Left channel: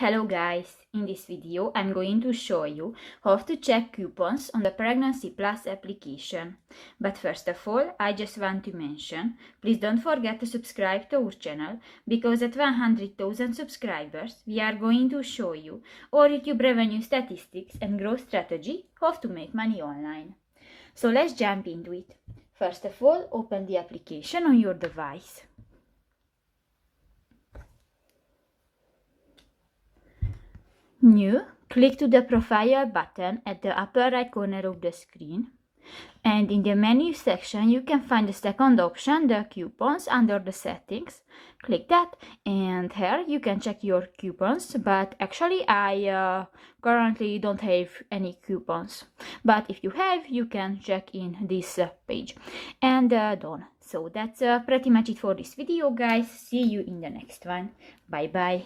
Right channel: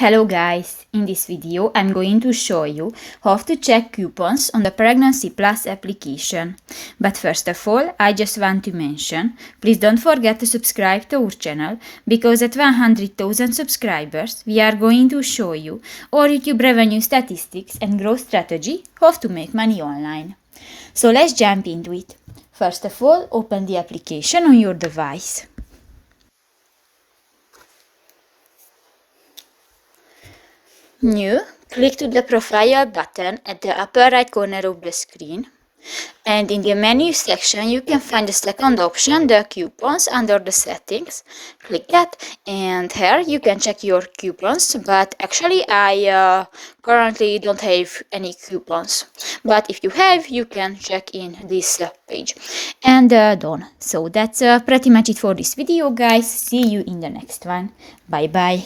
Hello guys, in this video I'm going to show you how to check coupons on the Pregnancy Plus application. But first of all, I just want to mention, please don't forget to subscribe to our channel, because at 100,000 subscribers we are going to show you our YouTube revenue statistics and growth strategy, how to make money online. So let's jump into it. First of all, open the application on your device. New, click to the profile button at the upper right corner of the screen, and in the menu section you can find the second option, the coupons, under the settings. Click that, and here you can check your coupons, but actually I currently don't have any coupons, but if you have, you can check in this page. And done. So that's pretty much it for this video, guys. See you in the next one. Bye bye.